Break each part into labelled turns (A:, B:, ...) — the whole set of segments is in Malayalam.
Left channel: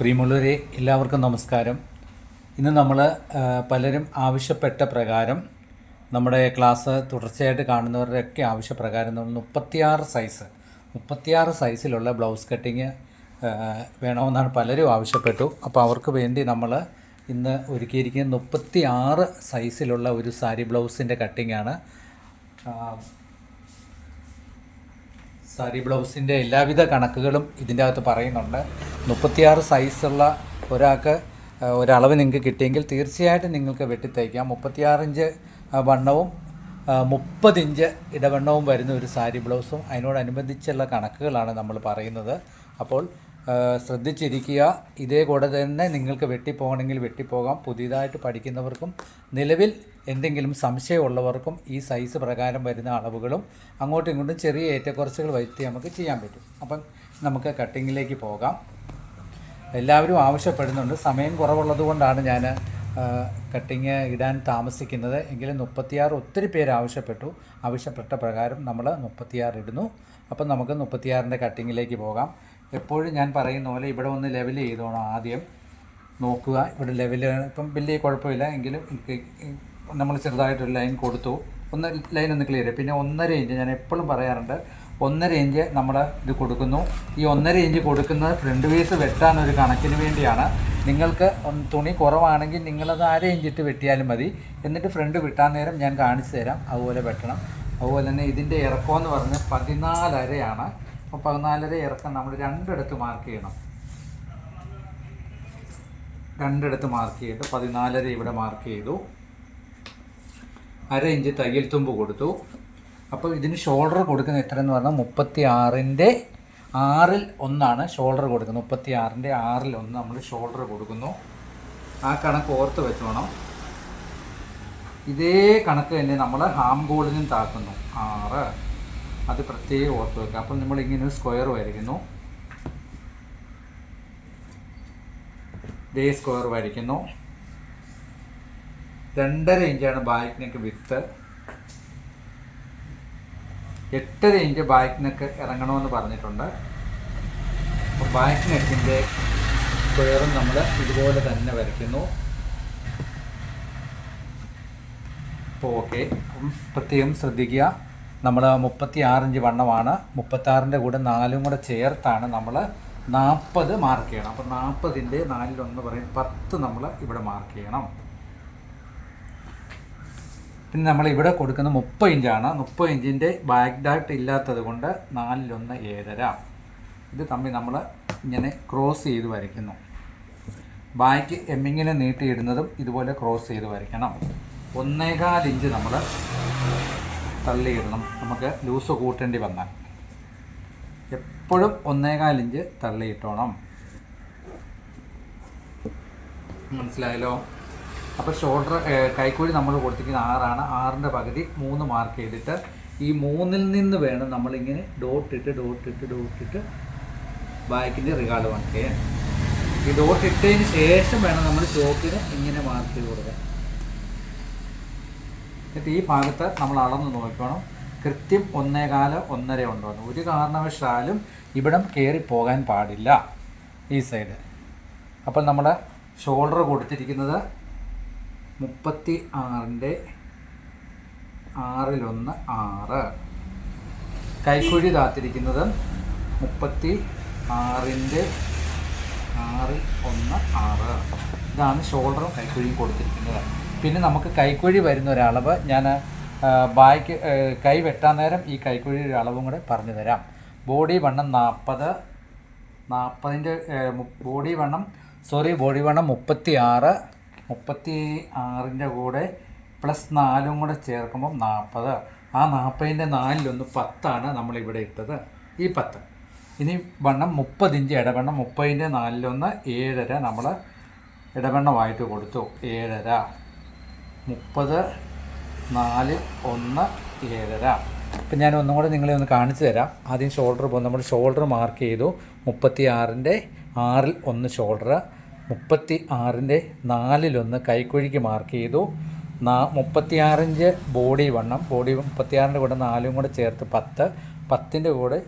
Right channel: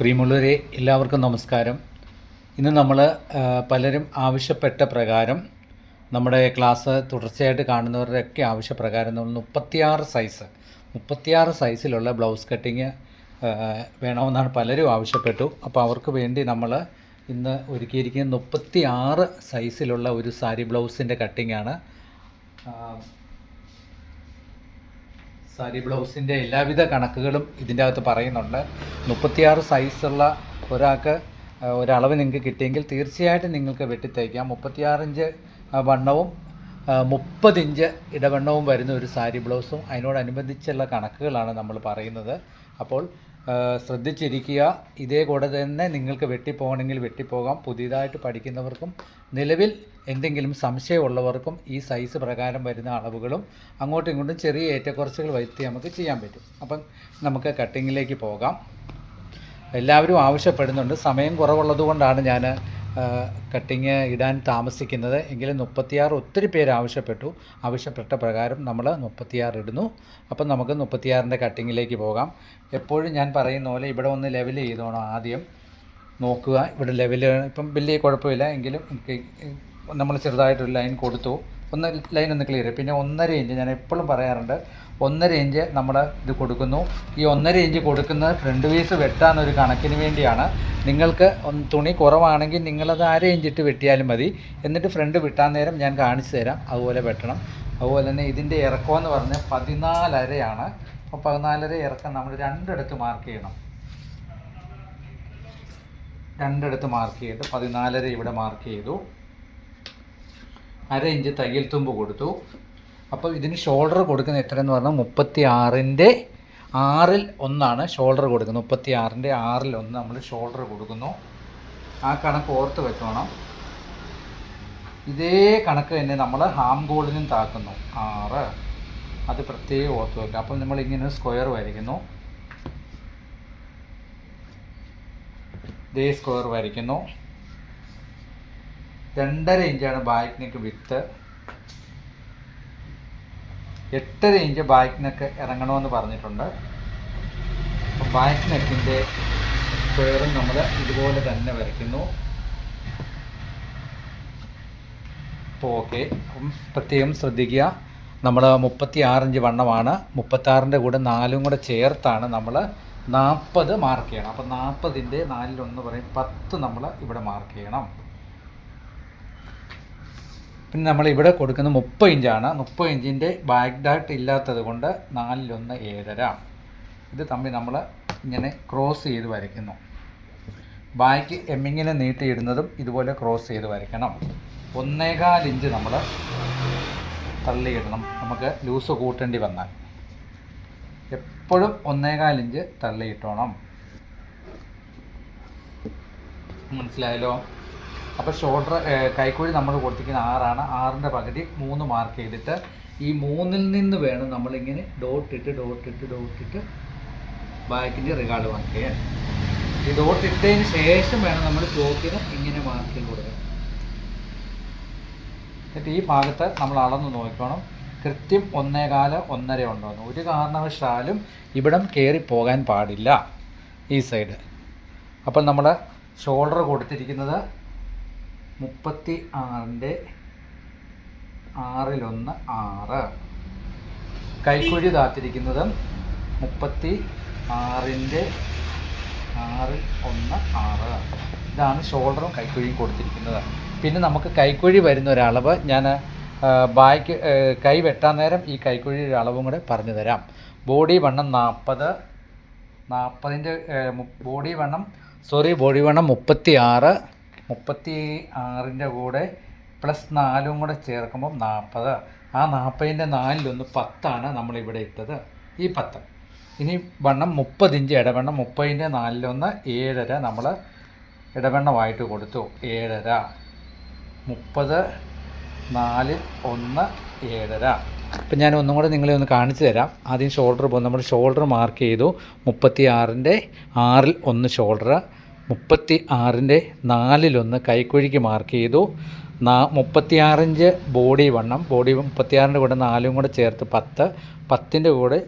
A: പ്രിയമുള്ളവരെ എല്ലാവർക്കും നമസ്കാരം. ഇന്ന് നമ്മൾ പലരും ആവശ്യപ്പെട്ട പ്രകാരം നമ്മുടെ ക്ലാസ് തുടർച്ചയായിട്ട് കാണുന്നവരുടെയൊക്കെ ആവശ്യപ്രകാരം നമ്മൾ മുപ്പത്തിയാറ് സൈസ് മുപ്പത്തിയാറ് സൈസിലുള്ള ബ്ലൗസ് കട്ടിങ് വേണമെന്നാണ് പലരും ആവശ്യപ്പെട്ടു. അപ്പോൾ അവർക്ക് വേണ്ടി നമ്മൾ ഇന്ന് ഒരുക്കിയിരിക്കുന്ന മുപ്പത്തിയാറ് സൈസിലുള്ള ഒരു സാരി ബ്ലൗസിന്റെ കട്ടിങ്ങാണ് സാരി ബ്ലൗസിന്റെ എല്ലാവിധ കണക്കുകളും ഇതിന്റെ അകത്ത് പറയുന്നുണ്ട്. മുപ്പത്തിയാറ് സൈസുള്ള ഒരാൾക്ക് ഒരളവ് നിങ്ങൾക്ക് കിട്ടിയെങ്കിൽ തീർച്ചയായിട്ടും നിങ്ങൾക്ക് വെട്ടിത്തയ്ക്കാം. മുപ്പത്തിയാറിഞ്ച് വണ്ണവും മുപ്പതിഞ്ച് ഇടവണ്ണവും വരുന്ന ഒരു സാരി ബ്ലൗസും അതിനോടനുബന്ധിച്ചുള്ള കണക്കുകളാണ് നമ്മൾ പറയുന്നത്. അപ്പോൾ ശ്രദ്ധിച്ചിരിക്കുക. ഇതേ കൂടെ തന്നെ നിങ്ങൾക്ക് വെട്ടിപ്പോകണമെങ്കിൽ വെട്ടിപ്പോകാം. പുതിയതായിട്ട് പഠിക്കുന്നവർക്കും നിലവിൽ എന്തെങ്കിലും സംശയമുള്ളവർക്കും ഈ സൈസ് പ്രകാരം വരുന്ന അളവുകളും അങ്ങോട്ടും ഇങ്ങോട്ടും ചെറിയ ഏറ്റക്കുറച്ചുകൾ വരുത്തി നമുക്ക് ചെയ്യാൻ പറ്റും. അപ്പം നമുക്ക് കട്ടിങ്ങിലേക്ക് പോകാം. എല്ലാവരും ആവശ്യപ്പെടുന്നുണ്ട്. സമയം കുറവുള്ളത് കൊണ്ടാണ് ഞാൻ കട്ടിങ് ഇടാൻ താമസിക്കുന്നത്. എങ്കിലും മുപ്പത്തിയാറ് ഒത്തിരി പേര് ആവശ്യപ്പെട്ടു. ആവശ്യപ്പെട്ട പ്രകാരം നമ്മൾ മുപ്പത്തിയാറ് ഇടുന്നു. അപ്പം നമുക്ക് മുപ്പത്തിയാറിന്റെ കട്ടിങ്ങിലേക്ക് പോകാം. എപ്പോഴും ഞാൻ പറയുന്ന പോലെ ഇവിടെ ഒന്ന് ലെവൽ ചെയ്തോണം ആദ്യം. നോക്കുക ഇവിടെ ലെവൽ ഇപ്പം വലിയ കുഴപ്പമില്ല എങ്കിലും നമ്മൾ ചെറുതായിട്ടൊരു ലൈൻ കൊടുത്തു. ഒന്ന് ലൈൻ ഒന്ന് ക്ലിയർ പിന്നെ ഒന്നര ഇഞ്ച് ഞാൻ എപ്പോഴും പറയാറുണ്ട് ഒന്നര ഇഞ്ച് നമ്മൾ ഇത് കൊടുക്കുന്നു. ഈ ഒന്നര ഇഞ്ച് കൊടുക്കുന്ന ഫ്രണ്ട് പീസ് വെട്ടാൻ ഒരു കണക്കിന് വേണ്ടിയാണ്. നിങ്ങൾക്ക് തുണി കുറവാണെങ്കിൽ നിങ്ങളത് അര ഇഞ്ചിട്ട് വെട്ടിയാലും മതി. എന്നിട്ട് ഫ്രണ്ട് വിട്ടാൻ നേരം ഞാൻ കാണിച്ചു തരാം. അതുപോലെ വെട്ടണം. അതുപോലെ തന്നെ ഇതിന്റെ ഇറക്കമെന്ന് പറഞ്ഞാൽ പതിനാലരയാണ്. അപ്പോൾ പതിനാലര ഇറക്കം നമ്മൾ രണ്ടിടത്ത് മാർക്ക് ചെയ്യണം. രണ്ടിടത്ത് മാർക്ക് ചെയ്ത് പതിനാലര ഇവിടെ മാർക്ക് ചെയ്തു. അര ഇഞ്ച് തയ്യൽ തുമ്പ് കൊടുത്തു. അപ്പോൾ ഇതിന് ഷോൾഡർ കൊടുക്കുന്ന എത്രയെന്ന് പറഞ്ഞാൽ മുപ്പത്തി ആറിന്റെ ആറിൽ ഒന്നാണ് ഷോൾഡർ കൊടുക്കുന്നത്. മുപ്പത്തി ആറിന്റെ ആറിൽ ഒന്ന് നമ്മൾ ഷോൾഡർ കൊടുക്കുന്നു. ആ കണക്ക് ഓർത്ത് വെച്ചോണം. ഇതേ കണക്ക് തന്നെ നമ്മൾ ഹാം ഗോൾഡിനും താക്കുന്നു. ആറ്. അത് പ്രത്യേകം ഓർത്ത് വയ്ക്കുക അപ്പം നമ്മൾ ഇങ്ങനെ സ്ക്വയർ വരയ്ക്കുന്നു. ഡേ സ്ക്വയർ വരയ്ക്കുന്നു. രണ്ടര ഇഞ്ചാണ് ബാക്ക് നെക്ക് വിത്ത് എട്ടര ഇഞ്ച് ബാക്ക് നെക്ക് ഇറങ്ങണമെന്ന് പറഞ്ഞിട്ടുണ്ട്. അപ്പോൾ ബാക്ക് സ്ക്വയറും നമ്മൾ ഇതുപോലെ തന്നെ വരയ്ക്കുന്നു. അപ്പോൾ ഓക്കെ. പ്രത്യേകം ശ്രദ്ധിക്കുക. നമ്മൾ മുപ്പത്തി ആറിഞ്ച് വണ്ണമാണ്. മുപ്പത്താറിന്റെ കൂടെ നാലും കൂടെ ചേർത്താണ് നമ്മൾ നാൽപ്പത് മാർക്ക് ചെയ്യണം. അപ്പോൾ നാൽപ്പതിന്റെ നാലിലൊന്ന് പറയും പത്ത് നമ്മൾ ഇവിടെ മാർക്ക് ചെയ്യണം. പിന്നെ നമ്മൾ ഇവിടെ കൊടുക്കുന്ന മുപ്പത് ഇഞ്ചാണ് മുപ്പത് ഇഞ്ചിന്റെ ബാക്ക് ഡാട്ട് ഇല്ലാത്തത് കൊണ്ട് നാലിലൊന്ന് ഏഴര. ഇത് തമ്മിൽ നമ്മൾ ഇങ്ങനെ ക്രോസ് ചെയ്ത് വരയ്ക്കുന്നു. ബാക്ക് എമ്മിങ്ങിനെ നീട്ടിയിടുന്നതും ഇതുപോലെ ക്രോസ് ചെയ്ത് വരയ്ക്കണം. ഒന്നേകാൽ ഇഞ്ച് നമ്മൾ തള്ളിയിടണം. നമുക്ക് ലൂസ് കൂട്ടേണ്ടി വന്നാൽ. എപ്പോഴും ഒന്നേകാൽ ഇഞ്ച് തള്ളിയിട്ടോണം. മനസ്സിലായല്ലോ? അപ്പോൾ ഷോൾഡർ കൈക്കൂലി നമ്മൾ കൊടുത്തിരിക്കുന്ന ആറാണ്. ആറിന്റെ പകുതി മൂന്ന് മാർക്ക് ചെയ്തിട്ട് ഈ മൂന്നിൽ നിന്ന് വേണം നമ്മളിങ്ങനെ ഡോട്ടിട്ട് ഡോട്ടിട്ട് ഡോട്ടിട്ട് ബാക്കിന്റെ റിഗാർഡ് ചെയ്യാൻ. ഈ ഡോട്ടിട്ടതിന് ശേഷം വേണം നമ്മൾ ചോക്കിന് ഇങ്ങനെ മാർക്ക് ചെയ്ത് കൊടുക്കാൻ. എന്നിട്ട് ഈ ഭാഗത്ത് നമ്മൾ അളന്ന് നോക്കണം. കൃത്യം ഒന്നേകാൽ ഒന്നര ഉണ്ടോ എന്ന് ഒരു കാരണവശാലും ഇവിടം കയറി പോകാൻ പാടില്ല ഈ സൈഡ് അപ്പോൾ നമ്മുടെ ഷോൾഡർ കൊടുത്തിരിക്കുന്നത് മുപ്പത്തി ആറിന്റെ ആറിലൊന്ന് ആറ്. കൈക്കുഴി താത്തിരിക്കുന്നത് മുപ്പത്തി ആറിന്റെ ആറിൽ ഒന്ന് ആറ്. ഇതാണ് ഷോൾഡറും കൈക്കുഴിയും കൊടുത്തിരിക്കുന്നത്. പിന്നെ നമുക്ക് കൈക്കുഴി വരുന്ന ഒരളവ് ഞാൻ ബായ്ക്ക് കൈ വെട്ടാൻ നേരം ഈ കൈക്കുഴിയുടെ അളവും കൂടെ പറഞ്ഞു തരാം. ബോഡി വണ്ണം നാൽപ്പത് നാൽപ്പതിന്റെ ബോഡി വണ്ണം സോറി ബോഡി വണ്ണം മുപ്പത്തി ആറ് മുപ്പത്തി ആറിന്റെ കൂടെ പ്ലസ് നാലും കൂടെ ചേർക്കുമ്പം നാൽപ്പത് ആ നാൽപ്പതിന്റെ നാലിലൊന്ന് പത്താണ് നമ്മളിവിടെ ഇട്ടത്. ഈ പത്ത്. ഇനി വണ്ണം മുപ്പതിഞ്ച് ഇടവണ്ണം മുപ്പതിന്റെ നാലിലൊന്ന് ഏഴര നമ്മൾ ഇടവണ്ണമായിട്ട് കൊടുത്തു. ഏഴര. മുപ്പത് നാല് ഒന്ന് ഏഴര. അപ്പം ഞാൻ ഒന്നും കൂടെ നിങ്ങളെ ഒന്ന് കാണിച്ചു തരാം. ആദ്യം ഷോൾഡർ പോകും. നമ്മൾ ഷോൾഡർ മാർക്ക് ചെയ്തു. മുപ്പത്തി ആറിന്റെ ആറിൽ ഒന്ന് ഷോൾഡർ മുപ്പത്തി ആറിന്റെ നാലിലൊന്ന് കൈക്കുഴിക്ക് മാർക്ക് ചെയ്തു. നാ മുപ്പത്തിയാറിഞ്ച് ബോഡി വണ്ണം. ബോഡി മുപ്പത്തിയാറിന്റെ കൂടെ നാലും കൂടെ ചേർത്ത് പത്ത്. പത്തിന്റെ കൂടെ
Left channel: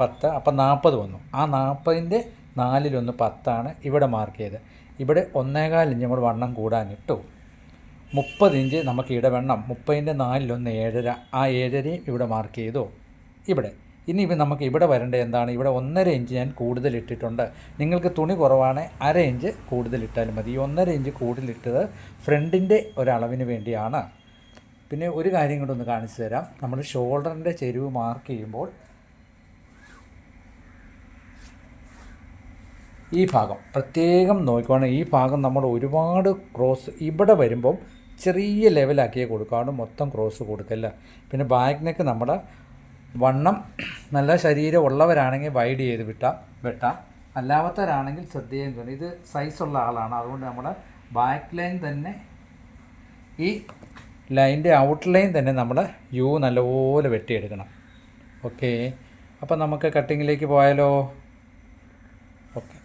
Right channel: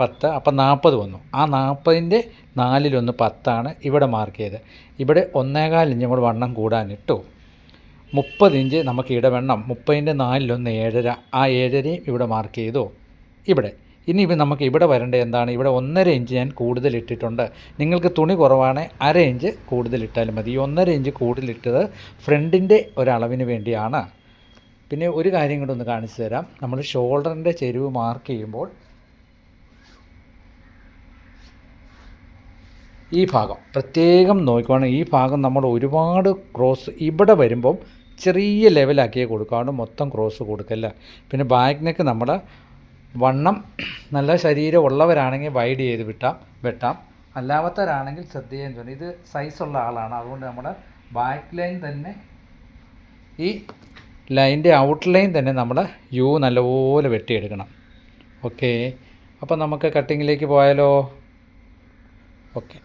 A: പത്ത്. അപ്പം നാൽപ്പത് വന്നു. ആ നാൽപ്പതിന്റെ നാലിലൊന്ന് പത്താണ് ഇവിടെ മാർക്ക് ചെയ്ത് ഇവിടെ ഒന്നേകാൽ കൂടെ വണ്ണം കൂടാനിട്ടു. മുപ്പത് ഇഞ്ച് നമുക്ക് ഇടവണ്ണം മുപ്പതിന്റെ നാലിലൊന്ന് ഏഴര. ആ ഏഴരയും ഇവിടെ മാർക്ക് ചെയ്തു. ഇവിടെ. ഇനി ഇപ്പം നമുക്ക് ഇവിടെ വരേണ്ടത് എന്താണ്? ഇവിടെ ഒന്നര ഇഞ്ച് ഞാൻ കൂടുതൽ ഇട്ടിട്ടുണ്ട്. നിങ്ങൾക്ക് തുണി കുറവാണ് അര ഇഞ്ച് കൂടുതൽ ഇട്ടാലും മതി. ഈ ഒന്നര ഇഞ്ച് കൂടുതലിട്ടത് ഫ്രണ്ടിന്റെ ഒരളവിന് വേണ്ടിയാണ്. പിന്നെ ഒരു കാര്യം കൂടെ ഒന്ന് കാണിച്ചു തരാം. നമ്മൾ ഷോൾഡറിന്റെ ചെരുവ് മാർക്ക് ചെയ്യുമ്പോൾ ഈ ഭാഗം പ്രത്യേകം നോക്കുവാണെങ്കിൽ ഈ ഭാഗം നമ്മൾ ഒരുപാട് ക്രോസ് ഇവിടെ വരുമ്പം ചെറിയ ലെവലാക്കിയേ കൊടുക്കാണ്ട് മൊത്തം ക്രോസ് കൊടുക്കല്ല. പിന്നെ ബാക്ക് നെക്ക് നമ്മൾ വണ്ണം നല്ല ശരീരം ഉള്ളവരാണെങ്കിൽ വൈഡ് ചെയ്ത് വിട്ടാം വെട്ടാം. അല്ലാത്തവരാണെങ്കിൽ ശ്രദ്ധയും ചെയ്യണം ഇത് സൈസുള്ള ആളാണ്. അതുകൊണ്ട് നമ്മൾ ബാക്ക് ലൈൻ തന്നെ ഈ ലൈന്റെ ഔട്ട് ലൈൻ തന്നെ നമ്മൾ യു നല്ലപോലെ വെട്ടിയെടുക്കണം. ഓക്കെ അപ്പോൾ നമുക്ക് കട്ടിങ്ങിലേക്ക് പോയാലോ? ഓക്കെ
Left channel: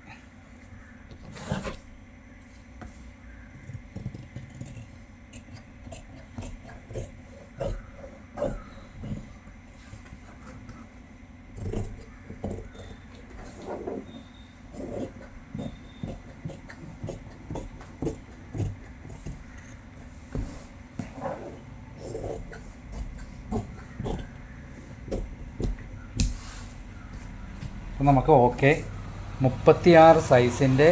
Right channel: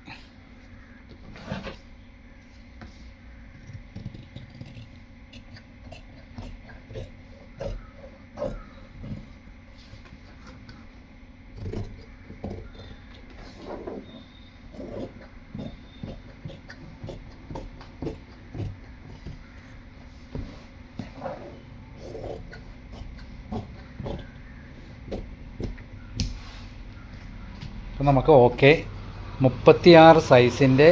A: നമുക്ക് ഓക്കെ. മുപ്പത്തിയാറ് സൈസിന്റെ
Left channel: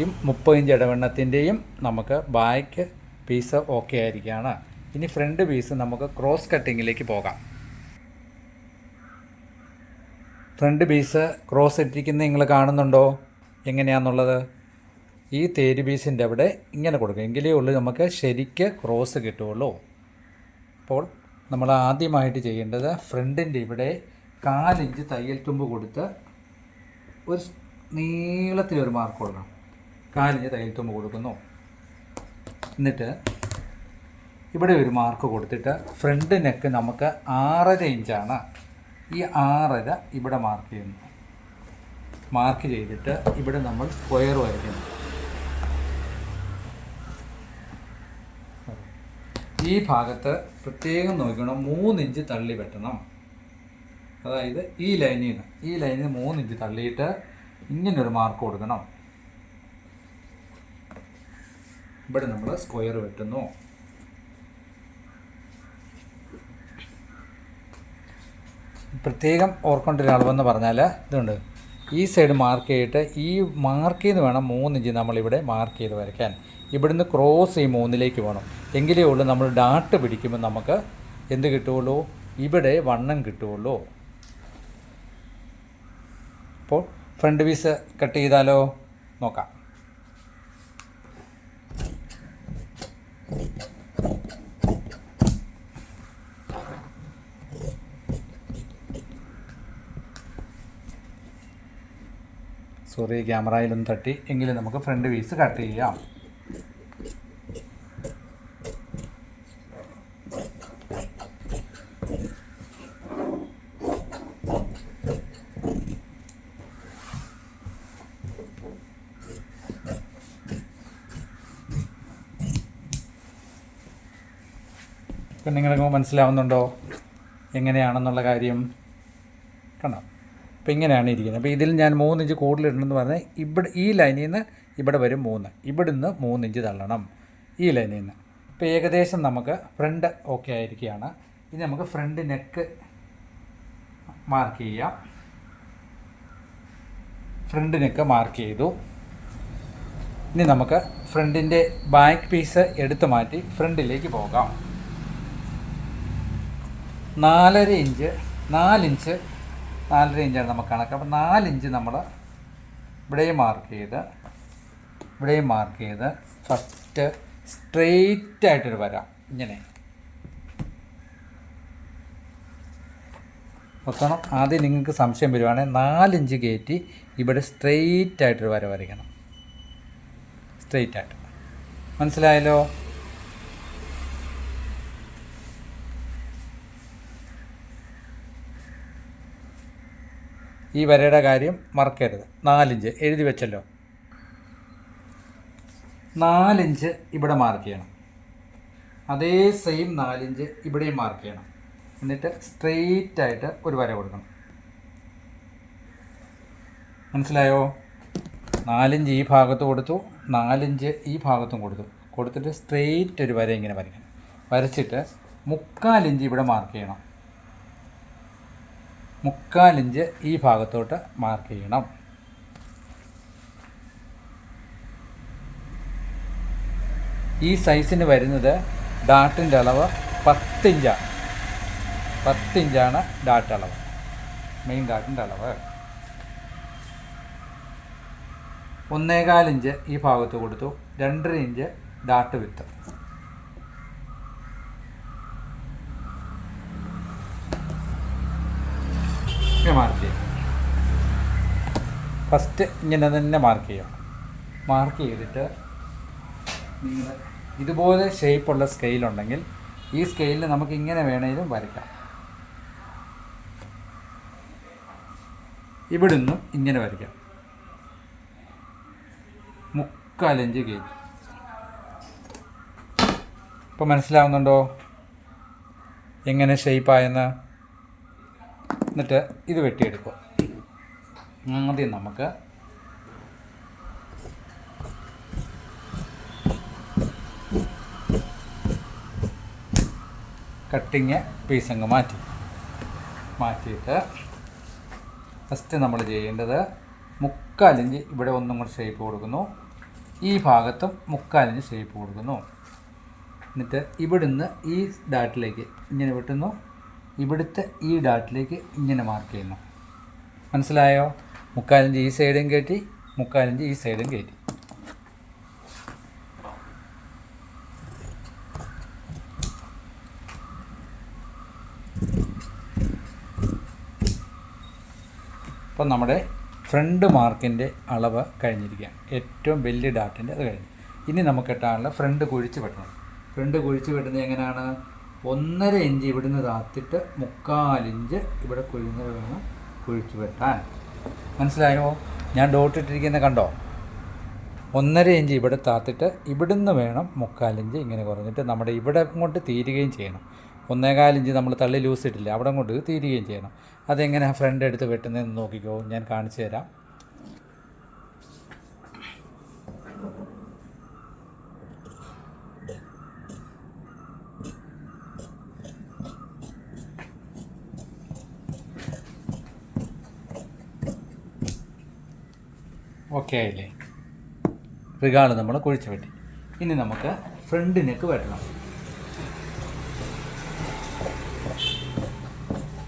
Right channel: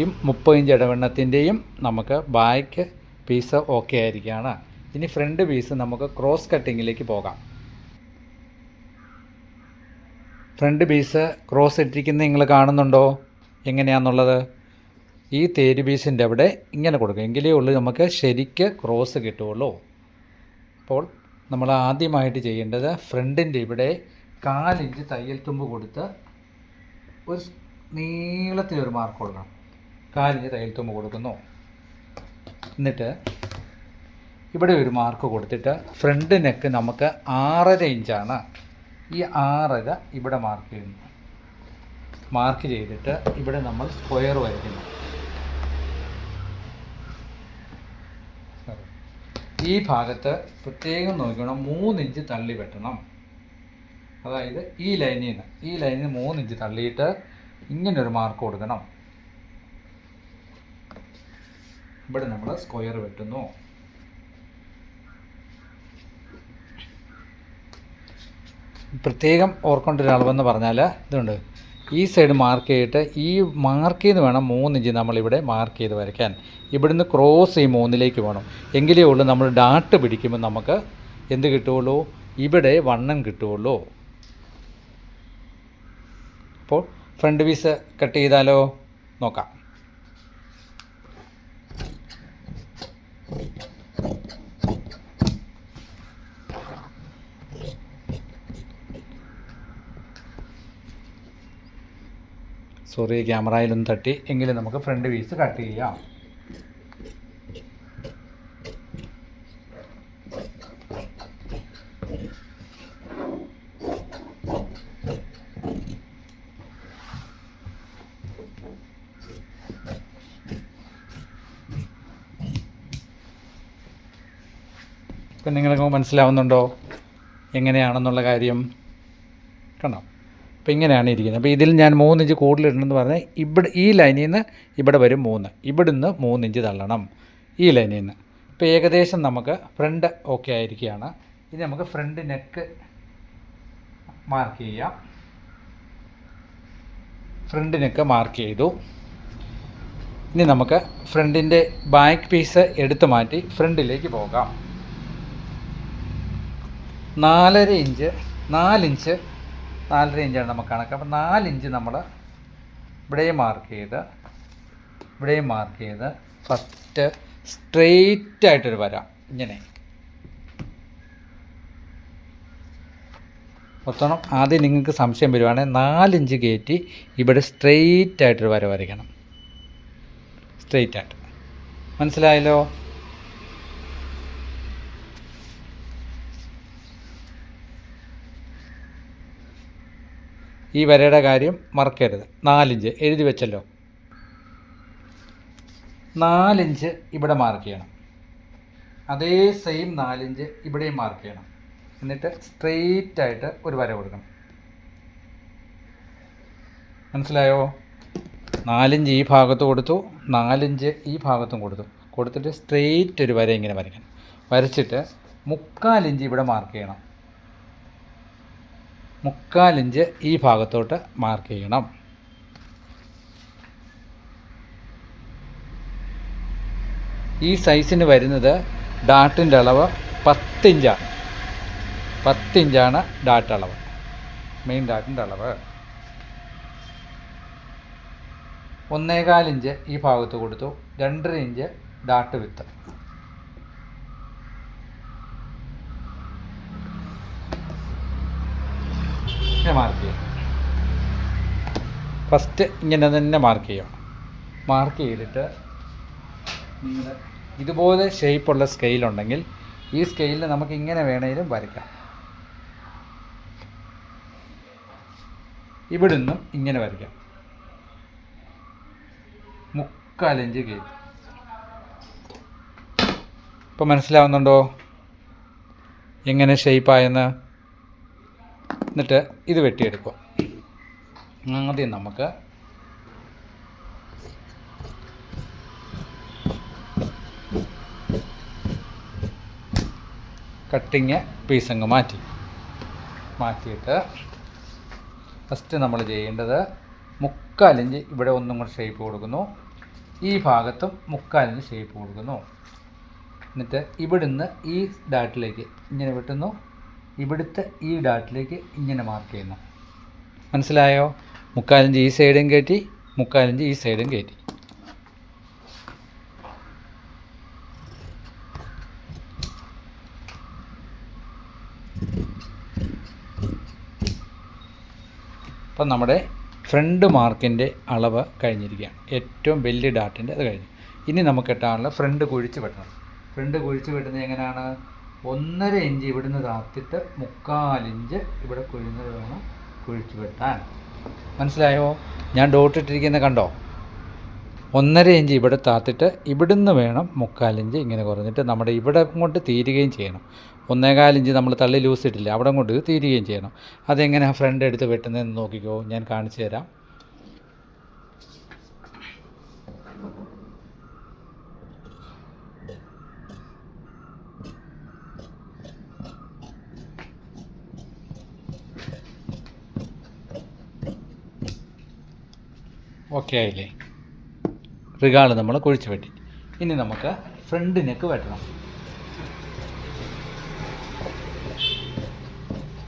A: ഈ മുപ്പത് ഇഞ്ച് ഇടവെണ്ണത്തിന്റെയും നമുക്ക് ബാക്ക് പീസ് ഓക്കെ ആയിരിക്കുകയാണ്. ഇനി ഫ്രണ്ട് പീസ് നമുക്ക് ക്രോസ് കട്ടിങ്ങിലേക്ക് പോകാം. ഫ്രണ്ട് പീസ് ക്രോസ് ഇട്ടിരിക്കുന്നത് നിങ്ങൾ കാണുന്നുണ്ടോ? എങ്ങനെയാണെന്നുള്ളത് ഈ തേര് പീസിന്റെ അവിടെ ഇങ്ങനെ കൊടുക്കും. എങ്കിലേ ഉള്ളൂ നമുക്ക് ശരിക്ക് ക്രോസ് കിട്ടുകയുള്ളൂ. അപ്പോൾ നമ്മൾ ആദ്യമായിട്ട് ചെയ്യേണ്ടത് ഫ്രണ്ടിന്റെ ഇവിടെ കാലിഞ്ച് തയ്യൽ തുമ്പ് കൊടുത്ത് ഒരു നീളത്തിലൊരു മാർക്ക് കൊടുക്കണം. കാലിഞ്ച് തയ്യൽ തുമ്പ് കൊടുക്കുന്നു. എന്നിട്ട് ഇവിടെ ഒരു മാർക്ക് കൊടുത്തിട്ട് ഫ്രണ്ട് നെക്ക് നമുക്ക് ആറര ഇഞ്ചാണ് ഈ ആറര ഇവിടെ മാർക്ക് ചെയ്യുന്നു. മാർക്ക് ചെയ്തിട്ട് ഇവിടെ നമ്മൾ സ്ക്വയർ വരയ്ക്കുന്നു. ഈ ഭാഗത്ത് പ്രത്യേകം നോക്കണം. മൂന്നിഞ്ച് തള്ളി വെട്ടണം. അതായത് ഈ ലൈനിൽ നിന്ന് ഈ ലൈനിൽ നിന്ന് മൂന്ന് ഇഞ്ച് തള്ളിയിട്ട് ഇങ്ങനൊരു മാർക്ക് കൊടുക്കണം. ഇവിടെ നമ്മൾ സ്ക്വയർ വെട്ടുന്നു. പ്രത്യേകം ഓർക്കേണ്ട ഒരു അളവെന്ന് പറഞ്ഞാൽ ഇതുണ്ട്. ഈ സൈഡ് മാർക്ക് ചെയ്തിട്ട് ഈ മാർക്ക് ചെയ്ത് വേണം മൂന്ന് ഇഞ്ച് നമ്മളിവിടെ മാർക്ക് ചെയ്ത് വരയ്ക്കാൻ. ഇവിടുന്ന് ക്രോസ് ഈ മൂന്നിലേക്ക് വേണം. എങ്കിലേ ഉള്ളൂ നമ്മൾ ഡാട്ട് പിടിക്കുമ്പോൾ നമുക്ക് എന്ത് കിട്ടുകയുള്ളൂ ഇവിടെ വണ്ണം കിട്ടുകയുള്ളൂ അപ്പോൾ ഫ്രണ്ട് പീസ് കട്ട് ചെയ്താലോ? നോക്കാം. സോറി ക്യാമറയിലൊന്ന് തട്ടി. എങ്കിലും നമുക്ക് ഫ്രണ്ട് പീസ് കട്ട് ചെയ്യാം. ഇപ്പം നിങ്ങൾക്ക് മനസ്സിലാവുന്നുണ്ടോ? എങ്ങനെയാണെന്നുള്ള കാര്യം കണ്ടോ? അപ്പോൾ ഇങ്ങനെയാണ് ഇരിക്കുന്നത്. അപ്പോൾ ഇതിൽ ഞാൻ മൂന്ന് ഇഞ്ച് കൂടുതലിടണമെന്ന് പറഞ്ഞാൽ ഇവിടെ ഈ ലൈനിൽ നിന്ന് ഇവിടെ വരും മൂന്ന്. ഇവിടുന്ന് മൂന്ന് ഇഞ്ച് തള്ളണം ഈ ലൈനിൽ നിന്ന് ഇപ്പോൾ ഏകദേശം നമുക്ക് ഫ്രണ്ട് ഓക്കെ ആയിരിക്കുകയാണ്. ഇനി നമുക്ക് ഫ്രണ്ട് നെക്ക് മാർക്ക് ചെയ്യാം. ഫ്രണ്ട് നെക്ക് മാർക്ക് ചെയ്തു. ഇനി നമുക്ക് ഫ്രണ്ടിന്റെ ബാക്ക് പീസ് എടുത്തു മാറ്റി ഫ്രണ്ടിലേക്ക് പോകാം. നാലര ഇഞ്ച് നാലിഞ്ച് നാലര ഇഞ്ചാണ് നമുക്ക് കണക്ക്. അപ്പോൾ നാലിഞ്ച് നമ്മൾ ഇവിടെയും മാർക്ക് ചെയ്ത് ഇവിടെയും മാർക്ക് ചെയ്ത് ഫസ്റ്റ് സ്ട്രെയിറ്റ് ആയിട്ടൊരു വര. ഇങ്ങനെ. മൊത്തം ആദ്യം നിങ്ങൾക്ക് സംശയം വരുവാണെങ്കിൽ നാലിഞ്ച് കയറ്റി ഇവിടെ സ്ട്രെയിറ്റ് ആയിട്ടൊരു വര വരയ്ക്കണം. സ്ട്രെയിറ്റ് ആയിട്ട്. മനസ്സിലായല്ലോ? ഈ വരയുടെ കാര്യം മറക്കരുത്. നാലിഞ്ച്. എഴുതി വെച്ചല്ലോ. നാലിഞ്ച് ഇവിടെ മാർക്ക് ചെയ്യണം. അതേ സെയിം നാലിഞ്ച് ഇവിടെയും മാർക്ക് ചെയ്യണം. എന്നിട്ട് സ്ട്രെയിറ്റ് ആയിട്ട് ഒരു വര കൊടുക്കണം. മനസ്സിലായോ? നാലിഞ്ച് ഈ ഭാഗത്ത് കൊടുത്തു. നാലിഞ്ച് ഈ ഭാഗത്തും കൊടുത്തു. കൊടുത്തിട്ട് സ്ട്രെയിറ്റ് ഒരു വര ഇങ്ങനെ വരയ്ക്കണം. വരച്ചിട്ട് മുക്കാലിഞ്ച് ഇവിടെ മാർക്ക് ചെയ്യണം. മുക്കാലിഞ്ച് ഈ ഭാഗത്തോട്ട് മാർക്ക് ചെയ്യണം. ഈ സൈസിന് വരുന്നത് ഡാട്ടിന്റെ അളവ് പത്തിഞ്ചാണ് പത്തിഞ്ചാണ് ഡാട്ട് അളവ്. മെയിൻ ഡാട്ടിന്റെ അളവ്. ഒന്നേകാലിഞ്ച് ഈ ഭാഗത്ത് കൊടുത്തു. രണ്ടര ഇഞ്ച് ഡാട്ട് വിത്ത് ഇങ്ങനെ മാർക്ക് ചെയ്യും. ഫസ്റ്റ് ഇങ്ങനെ തന്നെ മാർക്ക് ചെയ്യണം. മാർക്ക് ചെയ്തിട്ട് നിങ്ങൾ ഇതുപോലെ ഷേപ്പുള്ള സ്കെയിലുണ്ടെങ്കിൽ ഈ സ്കെയിലിൽ നമുക്ക് ഇങ്ങനെ വേണമെങ്കിലും വരയ്ക്കാം. ഇവിടെ നിന്നും ഇങ്ങനെ വരയ്ക്കാം. മുക്കാലഞ്ച് കയറ്റി ഇപ്പം മനസ്സിലാവുന്നുണ്ടോ? എങ്ങനെ ഷേപ്പായെന്ന് എന്നിട്ട് ഇത് വെട്ടിയെടുക്കുക. ആദ്യം നമുക്ക് കട്ടിങ് പീസ് അങ്ങ് മാറ്റി. മാറ്റിയിട്ട് ഫസ്റ്റ് നമ്മൾ ചെയ്യേണ്ടത് മുക്കാലിഞ്ച് ഇവിടെ ഒന്നും കൂടി ഷേപ്പ് കൊടുക്കുന്നു. ഈ ഭാഗത്തും മുക്കാലിഞ്ച് ഷേപ്പ് കൊടുക്കുന്നു. എന്നിട്ട് ഇവിടുന്ന് ഈ ഡാറ്റിലേക്ക് ഇങ്ങനെ വെട്ടുന്നു. ഇവിടുത്തെ ഈ ഡാട്ടിലേക്ക് ഇങ്ങനെ മാർക്ക് ചെയ്യുന്നു. മനസ്സിലായോ? മുക്കാലിഞ്ച് ഈ സൈഡും കയറ്റി മുക്കാലിഞ്ച് ഈ സൈഡും കയറ്റി അപ്പം നമ്മുടെ ഫ്രണ്ട് മാർക്കിന്റെ അളവ് കഴിഞ്ഞിരിക്കുകയാണ്. ഏറ്റവും വലിയ ഡാട്ടിന്റെ അത് കഴിഞ്ഞു. ഇനി നമുക്ക് ഇട്ടാനുള്ള ഫ്രണ്ട് കുഴിച്ച് വെട്ടണം. ഫ്രണ്ട് കുഴിച്ച് വെട്ടുന്നത് എങ്ങനെയാണ്? ഒന്നര ഇഞ്ച് ഇവിടുന്ന് താത്തിട്ട് മുക്കാലിഞ്ച് ഇവിടെ കുഴിഞ്ഞത് വേണം കുഴിച്ചു വെട്ടാൻ. മനസ്സിലായോ? ഞാൻ ഡോട്ട് ഇട്ടിരിക്കുന്ന കണ്ടോ? ഒന്നര ഇഞ്ച് ഇവിടെ താത്തിട്ട് ഇവിടുന്ന് വേണം മുക്കാലിഞ്ച് ഇങ്ങനെ കുറഞ്ഞിട്ട് നമ്മുടെ ഇവിടെ ഇങ്ങോട്ട് തീരുകയും ചെയ്യണം. ഒന്നേകാലിഞ്ച് നമ്മൾ തള്ളി ലൂസ് ഇട്ടില്ല അവിടെ ഇങ്ങോട്ട് തീരുകയും ചെയ്യണം. അതെങ്ങനെയാണ് ഫ്രണ്ട് എടുത്ത് വെട്ടുന്നതെന്ന് നോക്കിക്കോ ഞാൻ കാണിച്ചു തരാം. ഓക്കെ ആയില്ലേ റിഗാൾ നമ്മൾ കുഴിച്ച് വെട്ടി. ഇനി നമുക്ക് ഫ്രണ്ട് നെക്ക് വെട്ടണം.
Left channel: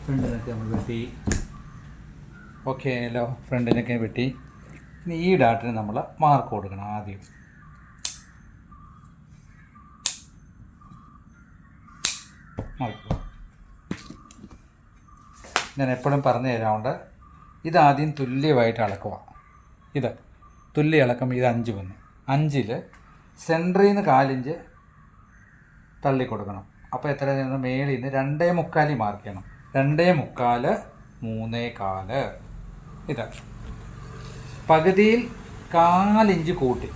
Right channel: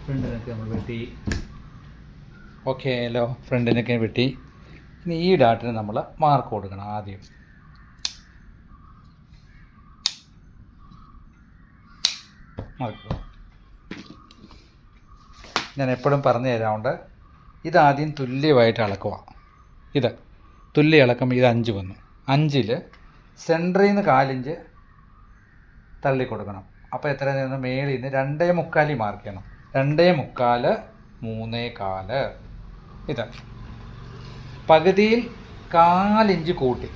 A: ഫ്രണ്ട് നെക്ക് നമ്മൾ വെട്ടി. ഓക്കെ ആയല്ലോ ഫ്രണ്ട് വെട്ടി. ഇനി ഈ ഡാട്ടിന് നമ്മൾ മാർക്ക് കൊടുക്കണം ആദ്യം. ഞാൻ എപ്പോഴും പറഞ്ഞു തരാറുണ്ട് ഇതാദ്യം തുല്യമായിട്ട് അളക്കുക. ഇത് തുല്യ ഇളക്കം ഇത് അഞ്ച് വന്നു. അഞ്ചിൽ സെന്ററിൽ നിന്ന് കാലിഞ്ച് തള്ളി കൊടുക്കണം. അപ്പോൾ എത്ര നിന്ന്? മേളിൽ നിന്ന് രണ്ടേ മുക്കാലി മാർക്ക് ചെയ്യണം. രണ്ടേ മുക്കാൽ മൂന്നേ കാൽ. ഇത് പകുതിയിൽ കാലിഞ്ച് കൂട്ടി.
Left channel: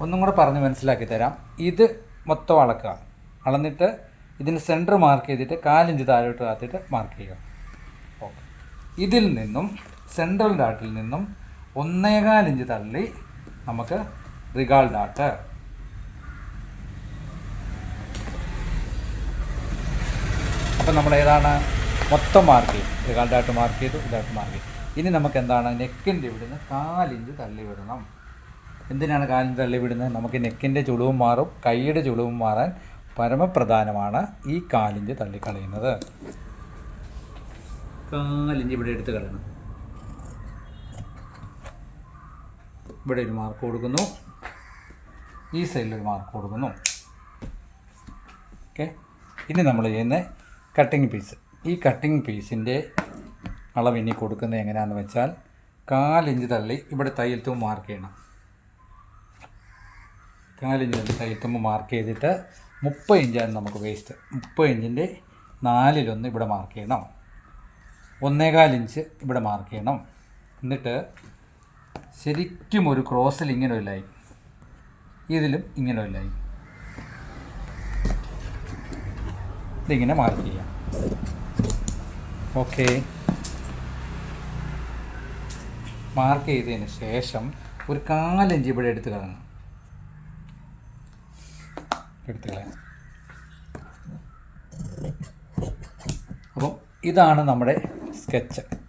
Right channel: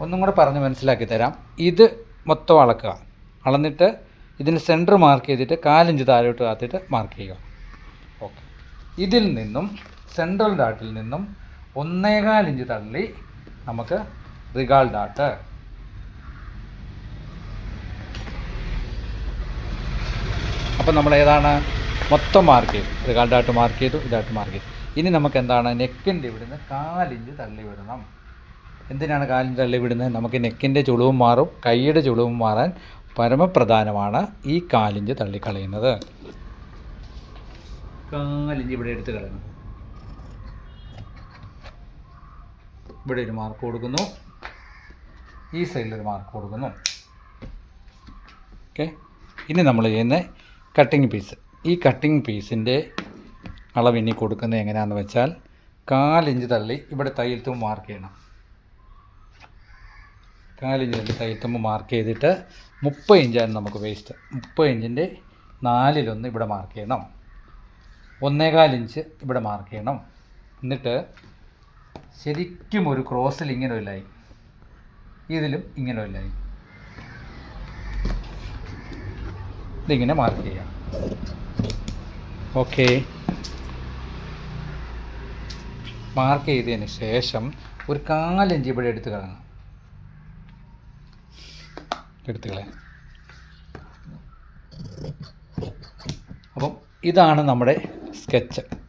A: ഒന്നും കൂടെ പറഞ്ഞ് മനസ്സിലാക്കി തരാം. ഇത് മൊത്തം അളക്കുക. അളന്നിട്ട് ഇതിന് സെന്റർ മാർക്ക് ചെയ്തിട്ട് കാലിഞ്ച് താഴോട്ട് കാത്തിട്ട് മാർക്ക് ചെയ്യുക. ഓക്കെ ഇതിൽ നിന്നും സെൻട്രൽ ഡാട്ടിൽ നിന്നും ഒന്നേകാൽ ഇഞ്ച് തള്ളി നമുക്ക് റിഗാൾ ഡാട്ട് അപ്പം നമ്മൾ ഏതാണ്? മൊത്തം മാർക്ക് ചെയ്തു. റിഗാൾ ഡാട്ട് മാർക്ക് ചെയ്തു ഇതായിട്ട് മാർക്ക് ചെയ്തു. ഇനി നമുക്ക് എന്താണ്? നെക്കിന്റെ ഇവിടുന്ന് കാലിഞ്ച് തള്ളി വിടണം. എന്തിനാണ് കാലിഞ്ച് തള്ളി വിടുന്നത്? നമുക്ക് നെക്കിന്റെ ചുളിവും മാറും കൈയുടെ ചുളിവും മാറാൻ പരമപ്രധാനമാണ് ഈ കാലിഞ്ച് തള്ളിക്കളയുന്നത്. കാലിഞ്ച് ഇവിടെ എടുത്ത് കളയണം. ഇവിടെ ഒരു മാർക്ക് കൊടുക്കുന്നു. ഈ സൈഡിൽ ഒരു മാർക്ക് കൊടുക്കുന്നു. ഓക്കെ ഇനി നമ്മൾ ചെയ്യുന്ന കട്ടിങ് പീസ് ഈ കട്ടിങ് പീസിന്റെ അളവ് ഇനി കൊടുക്കുന്നത് എങ്ങനെയാണെന്ന് വെച്ചാൽ കാലിഞ്ച് തള്ളി ഇവിടെ തയ്യൽത്തും മാർക്ക് ചെയ്യണം. കാലിഞ്ച് തള്ളി തയ്യൽത്തുമ്പോൾ മാർക്ക് ചെയ്തിട്ട് മുപ്പത് ഇഞ്ചാണ് നമുക്ക് വേസ്റ്റ് മുപ്പത് ഇഞ്ചിന്റെ നാലിലൊന്ന് ഇവിടെ മാർക്ക് ചെയ്യണം. ഒന്നേകാൽ ഇഞ്ച് ഇവിടെ മാർക്ക് ചെയ്യണം. എന്നിട്ട് ശരിക്കും ഒരു ക്രോസിൽ ഇങ്ങനെ ഒരു ലൈൻ. ഇതിലും ഇങ്ങനെ ഒരു ലൈൻ. ഇതിങ്ങനെ മാർക്ക് ചെയ്യാം. ഓക്കെ. മാർക്ക് ചെയ്തതിന് ശേഷം ഒരു കാലഞ്ച് ഇവിടെ എടുത്ത് കളയണം. എടുത്ത് കളയാം. അപ്പം ഇതാണ് നമ്മുടെ സ്കെച്ച്.